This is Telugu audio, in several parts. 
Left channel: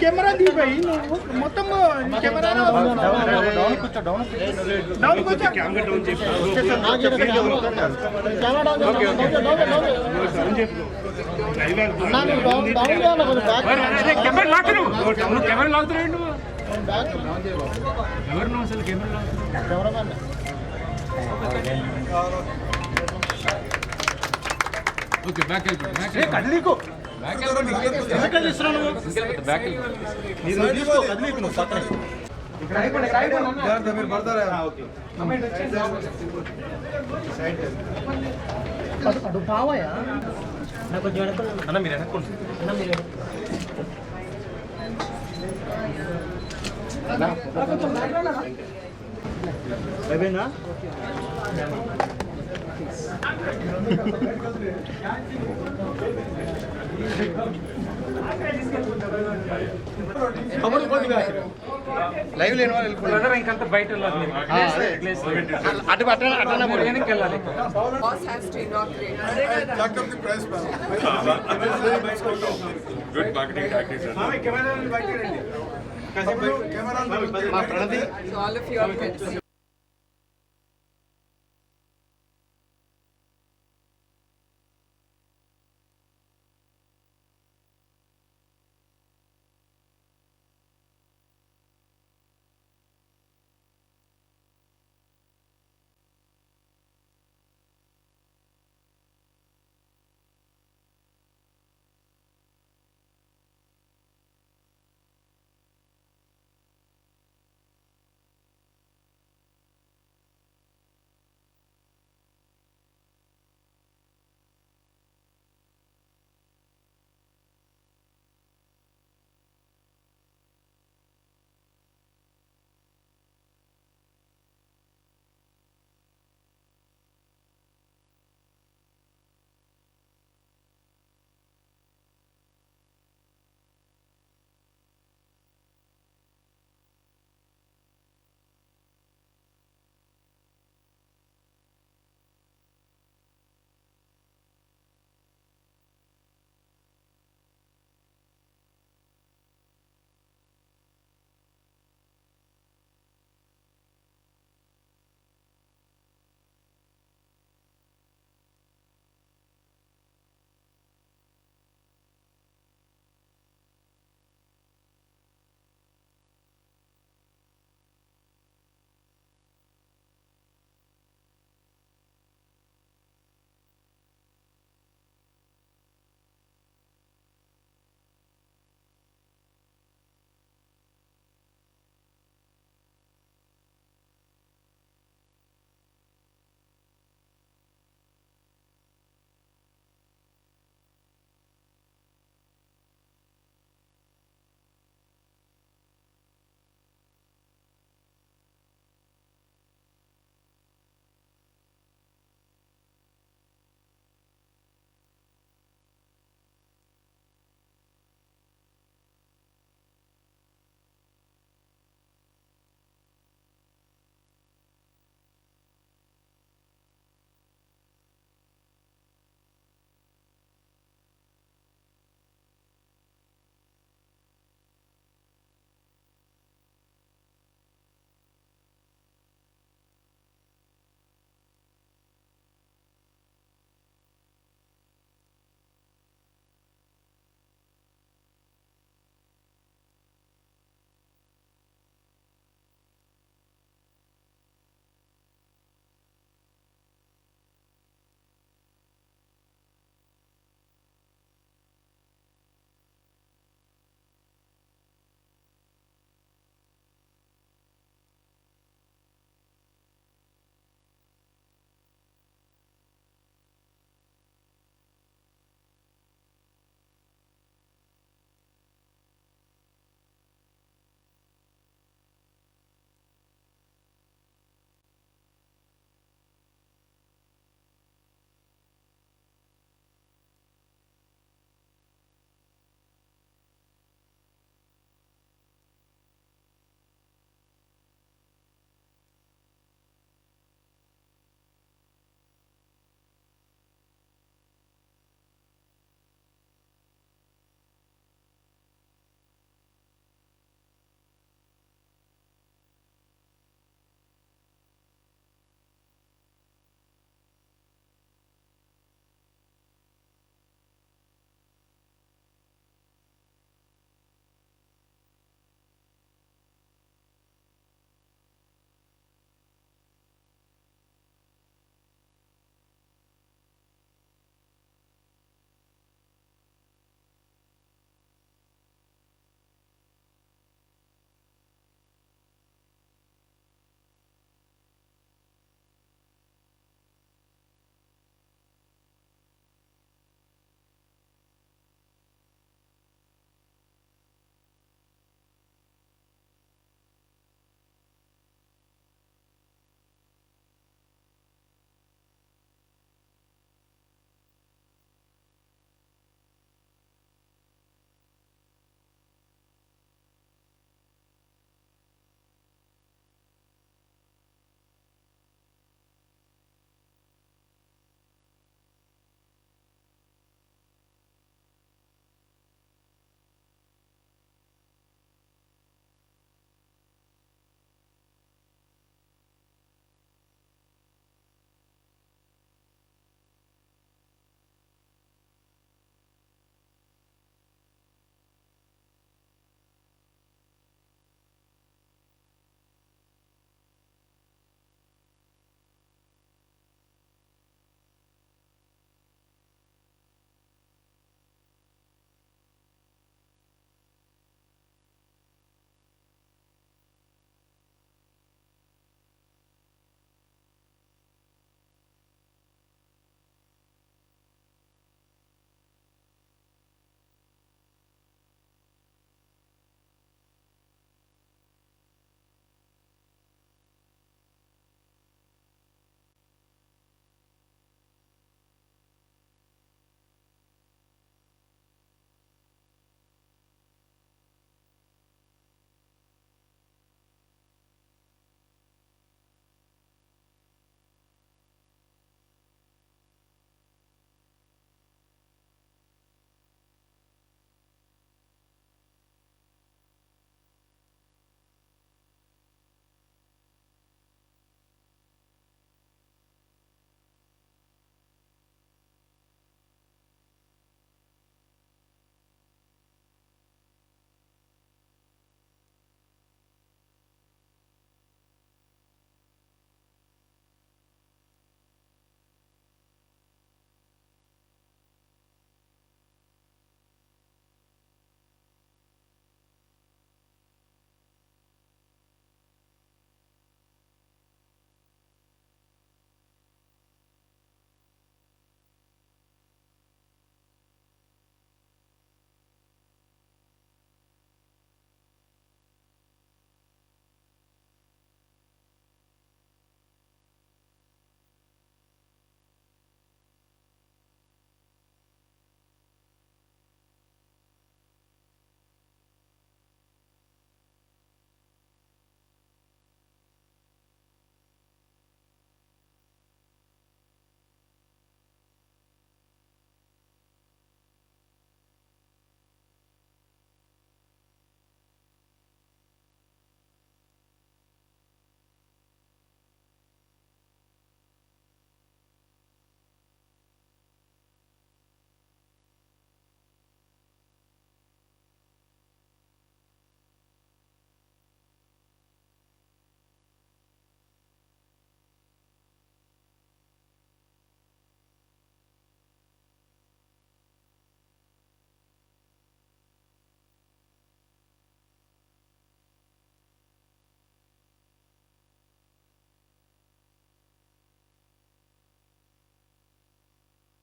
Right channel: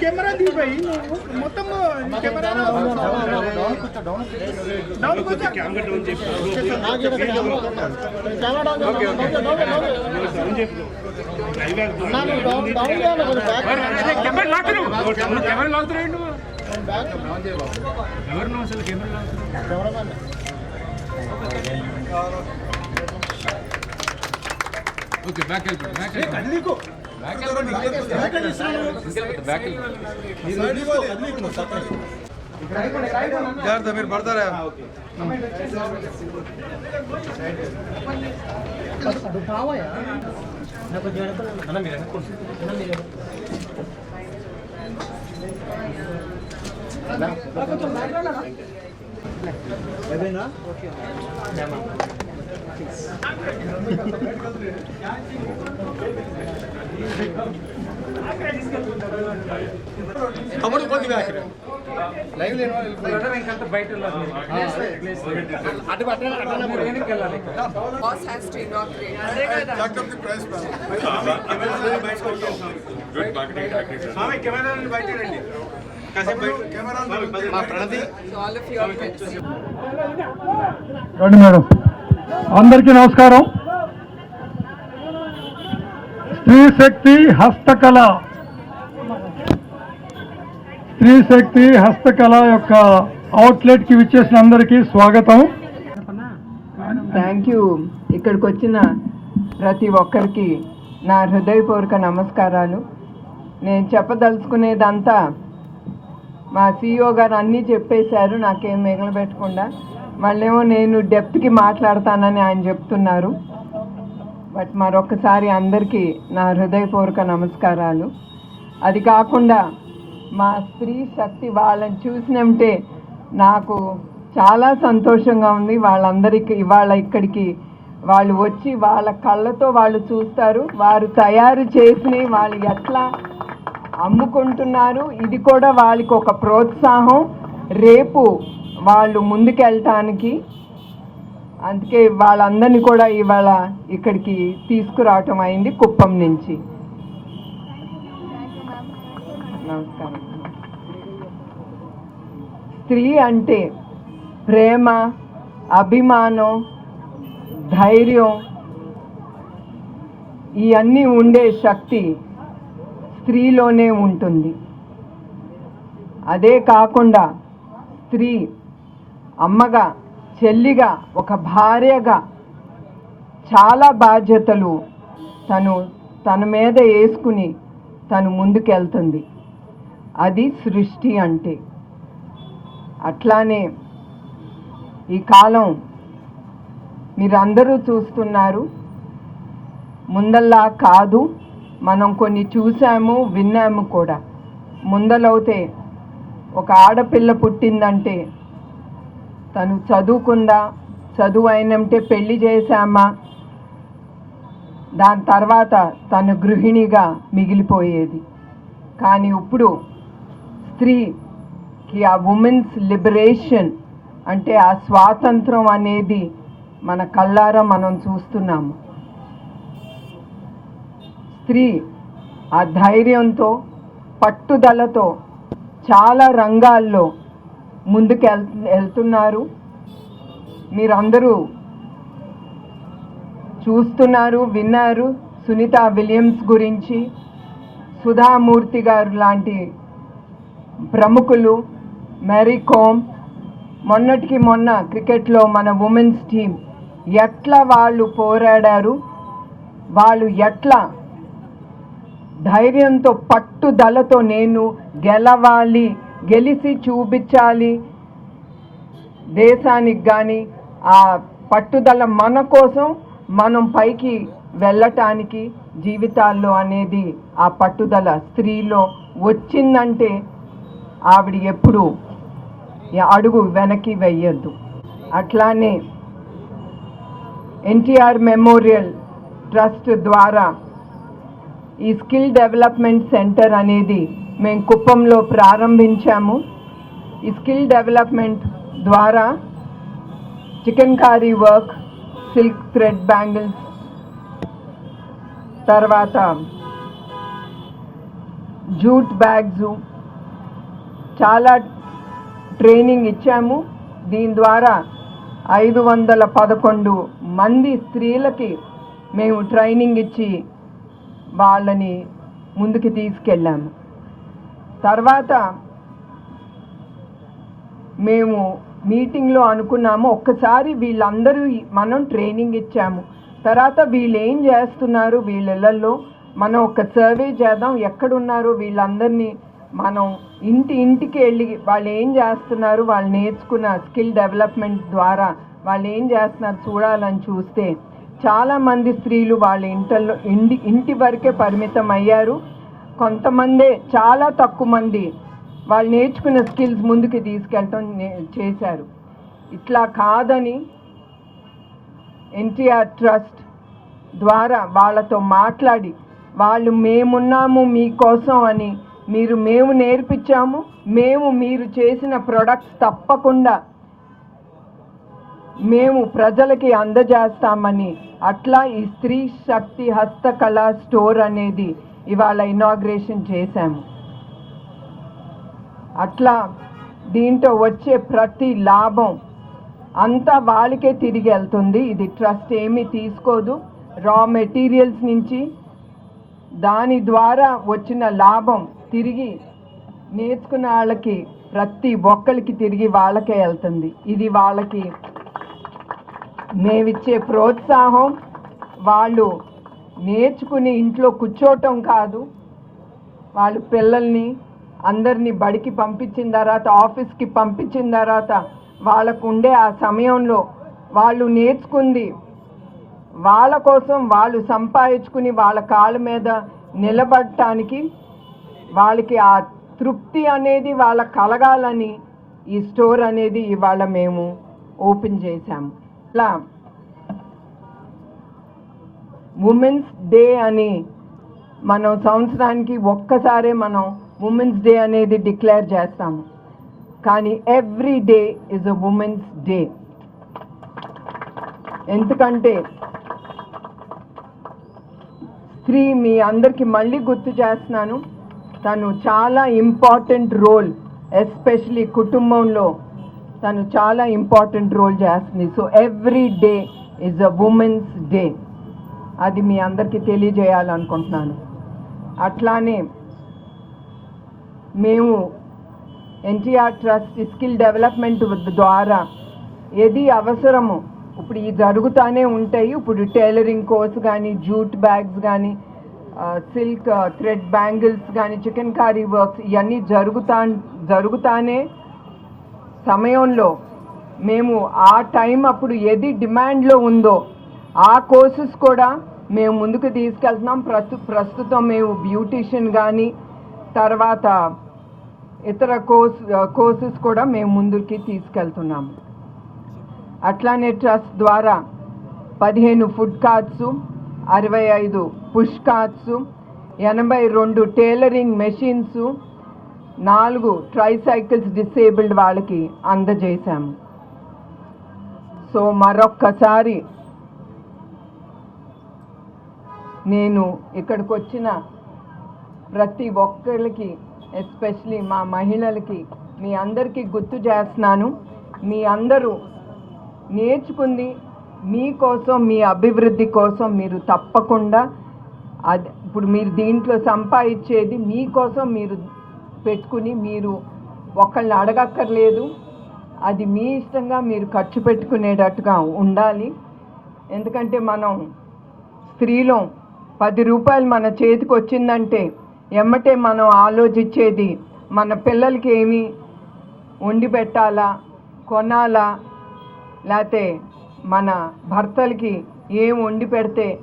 కెమెరా దిగిపోయి నువ్వు మొత్తం కెమెరా డౌన్ కెమెరా లాగుతున్నావు కెమెరా లాగుతున్నావు ఎవరు అసలు కెమెరా లాగుతున్నావు ఓకే బ్యాక్ వెళ్ళిపోయి బ్యాక్ వెళ్ళిపోయి బ్యాక్ వెళ్ళిపోయి బ్యాక్ వెళ్ళిపోయి జాగ్రత్త మీరు పడతారా తమ్ముడు కొద్దిగా లైవ్ లేని వాళ్ళు వెళ్ళాలి. అటు వెళ్ళాలి. మా ప్రణతి. రండి మేడం. అందరికీ నమస్కారం. స్త్రీ శక్తి హస్తకళ. స్త్రీ శక్తి హస్తకళ యొక్క అవుట్లెట్కి విచ్చేసిన అందరికీ స్వాగతం. థ్యాంక్ యూ ఇక్కడికి వచ్చిన ప్రతి ఒక్కరికి నా హృదయపూర్వక నమస్కారాలు. నేను చెప్పదలుచుకునేదంతా మా సిఇఓ గారు అన్నీ చెప్పేశారు నాకేం మిగలబెట్టకుండా. మళ్ళేమో నేను డెప్త్కి మాట్లాడతానని ఆయన చెప్తున్నారు. బట్ మరొకసారి అందరికీ నా హృదయపూర్వక నమస్కారాలు. అది కాకుండా మా స్త్రీ శక్తి వాళ్ళని చూసినంటే నాకు చాలా సంతోషంగా ఉంది. వాళ్ళందరికీ ఇవాళ ఇక్కడికి వాళ్ళు వచ్చి వాళ్ళ కళ్ళతో వాళ్ళు చూస్తారు. వారు తయారు చేసి వాళ్ళు ఎట్లా అమ్ముకుంటున్నారు. ఇది కూడా వాళ్ళకి ఒక ప్రోత్సాహం. రేపు వాళ్ళు ముందుకెళ్ళటానికి అందుకే వాళ్ళందరినీ కూడా ఇవాళ ఇక్కడికి తీసుకురావటం అయింది కుప్పం నుంచి. నమస్కారం. స్త్రీ అంటే ప్రేమ అభిమానం ధైర్యం ఇవన్నీ ఉండే శక్తి స్త్రీలోనే ఉంటుంది. అదే కాకుండా స్త్రీ అమ్మగా చెల్లిగా ఒక భార్యగా చాలా బాధ్యతలు తను తన మీద వేసుకుని తను ముందుకెళ్తుంది. అది సృష్టి అంటే. అట్లానే ఈ కాలం మీరందరూ చూస్తున్నారు. ముందల్లా కాదు మనం కొన్ని చూసాము విన్నాము కూడా. ముందలవుతే ఒక ఆడపిల్ల పుట్టిందంటే తను చదువుకుందా చదువు అయినంటే పెళ్ళి చేశామా? దాని తర్వాత తను గృహిణిగా మిగిలిపోయేది. కానీ ఇప్పుడు స్త్రీకి ఆ ఉమెన్స్ లిబరేషన్ అంటే ఆ స్వాతంత్రం అనేది మన కళ్ళారా మనం చూస్తున్నాము. స్త్రీ ఆ ధైర్యంతో పట్టుదలతో చాలా రంగాల్లో ముందుకు వెళ్ వెళ్తున్నారు. మీరందరూ చూస్తున్నారు విన్నారు సునీత విలియమ్స్ గురించి. సుధామూర్తి గారు లాంటి ప్రముఖులు. మేరీ కోమ్. మొన్నటికి మొన్న క్రికెట్లో మన ఉమెన్స్ టీం ఎట్లా వాళ్ళు పోరాడారు వాళ్ళు ఎట్లా ధైర్యంతో పట్టుదలతో నేను గెలవాలి గెలిచి చూపించాలి. దేశానికి కానీ ఆ పట్టుదల మన కోసం మనం పైకి వెళ్ళటానికి జీవితాల్లో అనేది ఆ పట్టుదల స్త్రీలో వచ్చిందంటే ఆవిడ ఎప్పుడు అడుగు వెనక్కి వెయ్యొద్దు అట్లానే ఎన్టీఆర్ మెమోరియల్ ట్రస్ట్ ద్వారా ఈ స్కిల్ డెవలప్మెంట్ సెంటర్ అనేది మేము కుప్పంలో ప్రారంభించాము. ఈ స్కిల్ డెవలప్మెంట్ ద్వారా chikankari work silk thread bangles తర్వాత జూట్ బ్యాగ్స్ చాలా ట్రైనింగ్ ఇచ్చాము. దీని ద్వారా ఐదు వందల పదకొండు మంది స్త్రీలకి మేము ట్రైనింగ్ ఇచ్చి వాళ్ళని ముందుకు తీసుకెళ్ళాము. తర్వాత మేము మీటింగ్లో అనుకున్నాము. ఒక్కసారి వీళ్ళందరూ మనం ట్రైనింగ్ ఇచ్చాము. తర్వాత వీళ్ళు ఏం చేస్తున్నారు? వీళ్ళల్లో మనం ఒక సర్వే చేద్దాం. ఎక్కడున్నారు? వీళ్ళందరినీ మనం ఇంటి ఇంటికి వెళ్ళి వాళ్ళు ఏం చేస్తున్నారు? వాళ్ళు నేర్చుకున్న స్కిల్ డెవలప్మెంట్ ద్వారా వాళ్ళు ఏం చేస్తున్నారు చూడాలని చూస్తే చాలామంది స్త్రీలు వాళ్ళ ఇంటల్లో ఇంటి ఇంటి వరకే పరిమితం అయ్యారు కొంతమందే చాలా తక్కువ మంది వాళ్ళు నేర్చుకున్న స్కిల్స్ ముందుకు తీసుకెళ్ళటం నే- చేశారు. ఇట్లా కాదని ఎన్టీఆర్ ట్రస్ట్ ద్వారా వాళ్ళతో మాట్లాడి వాళ్ళు మేమున్నాము మీకోసం అని మీరు మేము నేర్పించాము మేము మీరు చేసిన ప్రొడక్ట్స్ తప్పకుండా మేము ప్రజలకి అందజేస్తామని అట్లా ఈ స్త్రీ శక్తి హస్తకళ స్టోర్ అనేది ఇవాళ ఇనాగ్రేషన్ చేశాము. అట్లా దీంట్లో వచ్చే ప్రతి లాభం అంతా వాళ్ళకే తిరిగి వెళ్తుంది. ఇది ట్రస్ట్ ఏమీ తీసుకోదు. రా మెటీరియల్స్ నుంచి దాని ద్వారా వచ్చిన లాభం తిరిగి నేర్చుకున్న వాళ్ళకి ప్రతి ఒక్కరికి తిరిగి వాళ్ళకే వెళ్తుంది. ఇది వాళ్ళకి మేమిచ్చే ప్రోత్సాహం. వాళ్ళు నేర్చుకుని ఇంట్లో కూర్చోవటం కాదు. వాళ్ళు పిల్లల్ని అందరినీ బడికి పంపించిన తర్వాత ఆఫీస్కి పంపించిన తర్వాత వాళ్ళకు ఉండే ఆ సమయంలో వాళ్ళు నేర్చుకుంది. వాళ్ళ కోసం వాళ్ళు సంపాదించుకుని వాళ్ళ కాళ్ళ మీద నిలబడటానికి వాళ్ళకి ఆ తృప్తి అనేది వాళ్ళ కలగాలని ఈ స్టోర్ అనేది ఇవాళ మేము ఓపెన్ చేశాము. ఇలా ఉమెన్స్ డే అని మనం సంవత్సరానికి ఒక్కసారే మనం ఉమెన్స్ డే అనేది డిక్లేర్ చేస్తాము. కానీ every day is a women's day ఎందుకంటే స్త్రీ మీ అందరికి మళ్ళీ గుర్తు చేస్తున్నాను తను చాలా ఇంపార్టెంట్ రోల్ ఎస్పెషలీ కుటుంబంలో తను చాలా ఇంపార్టెంట్ రోల్ చేస్తుంది. So every day is a women's day అది మీ అందరికీ తెలియజేయాలనుకుంటున్నాను. అట్లానే మేము ఎన్టీఆర్ ట్రస్ట్ స్కిల్ డెవలప్మెంట్ ద్వారా ఏది అవసరము ఇప్పుడు ఇవి జరుగుతూనే ఉంటాయి. ఇప్పుడు టైలరింగ్ కోర్స్ కానీ జూట్ బ్యాగ్స్ కానీ సిల్క్ థ్రెడ్ బ్యాంగిల్స్ కానీ చికెన్ కారీ వర్క్స్ ఇవన్నీ జరుగుతా జరుగుతానే సమయంలో మేము ఆ టైం అప్పుడు ఏది డిమాండ్లో ఉందో ఆ కోర్సెస్ కూడా మేము ముందుకు తీసుకెళ్తున్నాం. ప్రస్తు ప్రస్తుతం మేము బ్యూటిషియన్ కానీ తర్వాత ఇతర కోర్స్ కోర్సెస్ కూడా మేము ముందుకి తీసుకెళ్తున్నాము అట్లానే ట్రస్ట్ ద్వారా పదిహేను ఫుడ్ కార్ట్స్ అరవై ఐదు పుష్ కార్ట్స్ ఎనభై రెండు టైలరింగ్ మెషిన్స్ నాలుగు ట్రైసైకిల్స్ డిసేబుల్డ్ వాళ్ళకి అందజేశాము. సో మరొక్కసారి నేను ఇక్కడికి వచ్చిన ప్రతి ఒక్కరికి ఎస్పెషలీ మా మహిళలకి మీ అందరికీ గుర్తు చేస్తున్నాను. మీ అందరూ నేర్చుకుంది మీకోసం మీ అభివృద్ధి కోసం మీరు తప్పకుండా అది ఇప్పుడు మీరు దీంట్లో సంపాదించేది మీకోసం మీరు పెట్టుకుని మీరు ఒకళ్ళని అడగక్కర్లేదు. అది మీ ఇష్టంగా మీరు ఖర్చు పెట్టుకునేటట్టుగా ఉండాలి. ఎందుకంటే మనం స్త్రీలో పది రూపాయలు మన చేతికి వచ్చిందంటే ఎమ్మటే మనం ఆలోచించేది మన పిల్లలకి ఏమి? వండి పెట్టాలా? కొనాలా? లేకపోతే మన భర్తలకి ఏం వండి పెడితే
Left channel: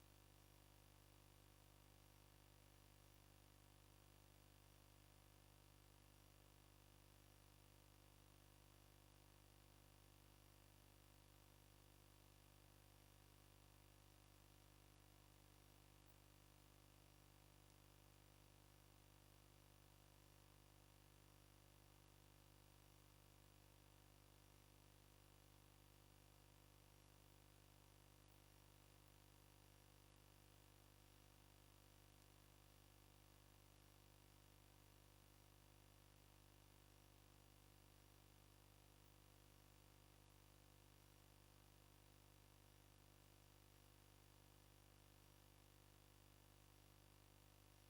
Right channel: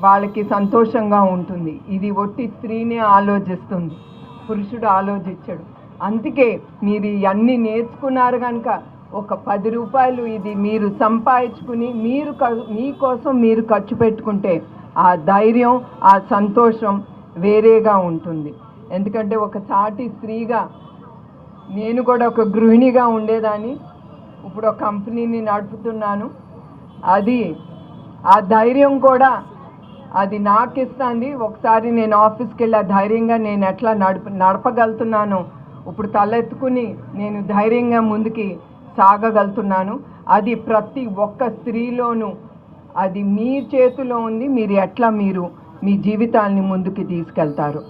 వాళ్ళకి సంతోషంగా ఉంటుంది. ఇది ఒట్టి స్త్రీనే ఆలోచిస్తుంది. పురుషుడు ఆలోచించడు. అందుకే మీరు ఇవన్నీ నేర్చుకున్నారు కనుక ఒక పది రూపాయలు ఇది మీరు సంపాదించుకుని మీరు క- మీకోసం మీరు ఖర్చు పెట్టుకుంటే ఆ ధైర్యం ఆ సంతోషం వేరేగా ఉంటుంది. ఎందుకంటే ఒక సాటి స్త్రీగా నేను కూడా ఒక గృహిణిగా ఉండేదాన్ని. ఇప్పుడు ఒక కంపెనీని నడుపుతున్నాను. అది ఆ ధైర్యం కూడా అది నాకు ఇస్తుంది ఒకసారి నేను ఆఫీస్కి వెళ్ళి ఆ ధైర్యంగా నేను ఎట్లా నడప నడపగలుగుతున్నానో ఇప్పుడు తలెత్తుకుని నేను ధైర్యంగా ముందుకి సాగగలుగుతున్నాను. అది ప్రతి ఒక్క స్త్రీలోనూ అది మీ చేతిలో ఉంది మీరు ఎట్లా మీరు మీ జీవితాల్ని ముందుకు తీసుకెళ్తారు.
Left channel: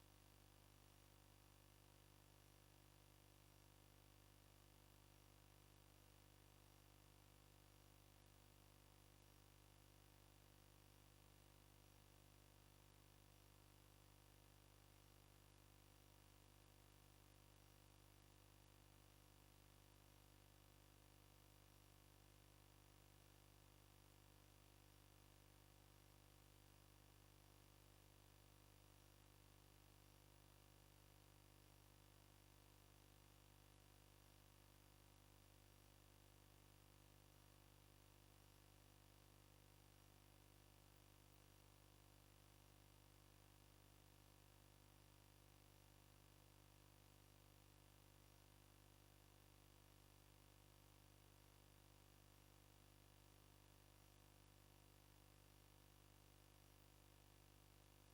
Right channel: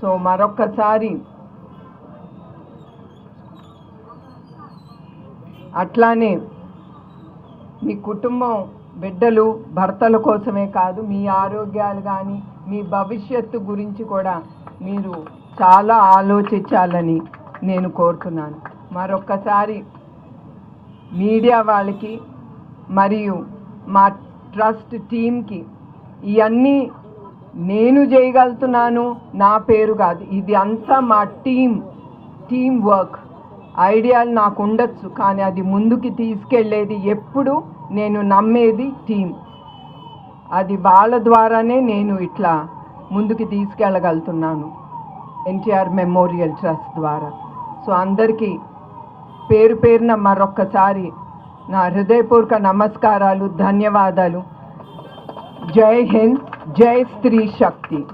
సో మరొక్కసారి అట్లానే మీ కుటుంబం బిడ్డలు భర్తల కోసమే కాదు మీ ఆరోగ్యాలు కానీ మీ భవిష్యత్తు గురించి కూడా మీరు చాలా ఆలోచించాలని నేను కోరుతున్నాను. మరొక్కసారి మీడియా వాళ్ళకి మరియు మా ట్రస్ట్ టీంకి ఇవన్నీ నేను చేయగలుగుతున్నాను నా పేరు కాదు. ఇది అంతా మా టీం టీం వర్క్. ఐడియాలు నాకు ఉండొచ్చు కానీ అది ముందుకి తీసుకెళ్ళేది ఎప్పుడు నేను నమ్మేది టీం అది వాళ్ళ ద్వారానే నేను ఇట్లా ముందుకి తీసుకెళ్ళగలుగుతున్నాను ఎన్టీఆర్ మెమోరియల్ ట్రస్ట్ ద్వారా. సో అందరికీ పేరు పేరున మరొక్కసారి నా హృదయపూర్వక నమస్కారాలు ధన్యవాదాలు. జై హింద్ జై స్త్రీ శక్తి.